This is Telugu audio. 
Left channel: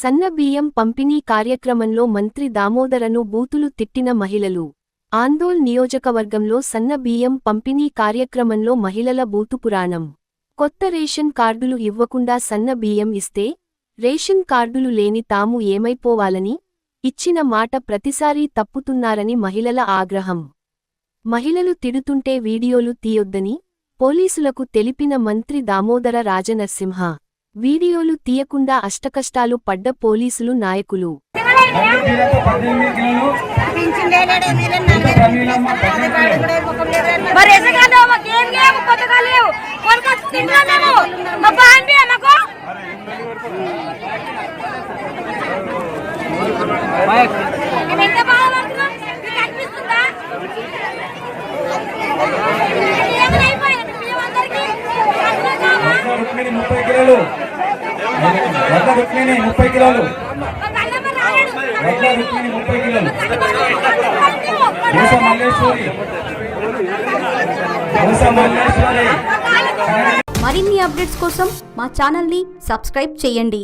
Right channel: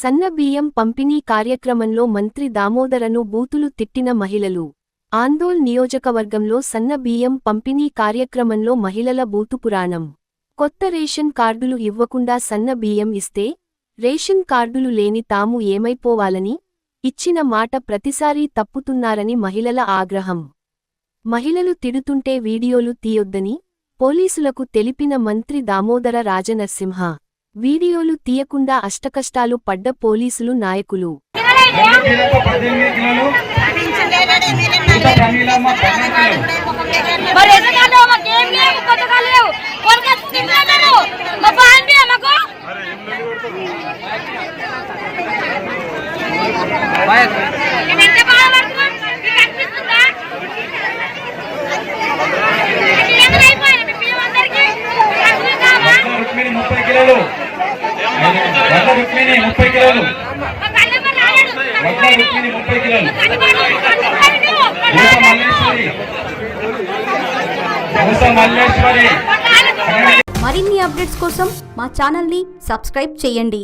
సన్న బియ్యం పంపిణీ కార్యక్రమంలో మంత్రి దామోదరను బూతులు తిట్టిన మహిళలు. ఆందోళ్ నియోజకవర్గంలో సన్న బియ్యం పంపిణీ కార్యక్రమంలో మహిళల బూతు పురాణం. కొత్త రేషన్ కార్డులు ఇవ్వకుండా సన్న బియ్యం ఇస్తే రేషన్ కార్డులు లేని తాము ఏమైపోవాలని ఇచ్చిన మాట ప్రతిసారీ తప్పుతున్నారని మహిళల ఆగ్రహం. మహిళలు తిడుతుంటే వీడియోలు తీయొద్దని పోలీసులకు తెలిపిన మంత్రి దామోదర రాజనరసింహ వీడియోలు తీయకుండా అష్టకష్టాలు పడ్డ పోలీసులు నాయకులు. ముప్పై కిలోలు. రుక్మిణి ముప్పై కిలోలు. రుక్మిణి ముప్పై కిలోలు. మల్లేశ్వరి. మల్లేశ్వరి. మరిన్ని అప్డేట్స్ కోసం మా ఛానల్ని సబ్స్క్రైబ్ చేయండి.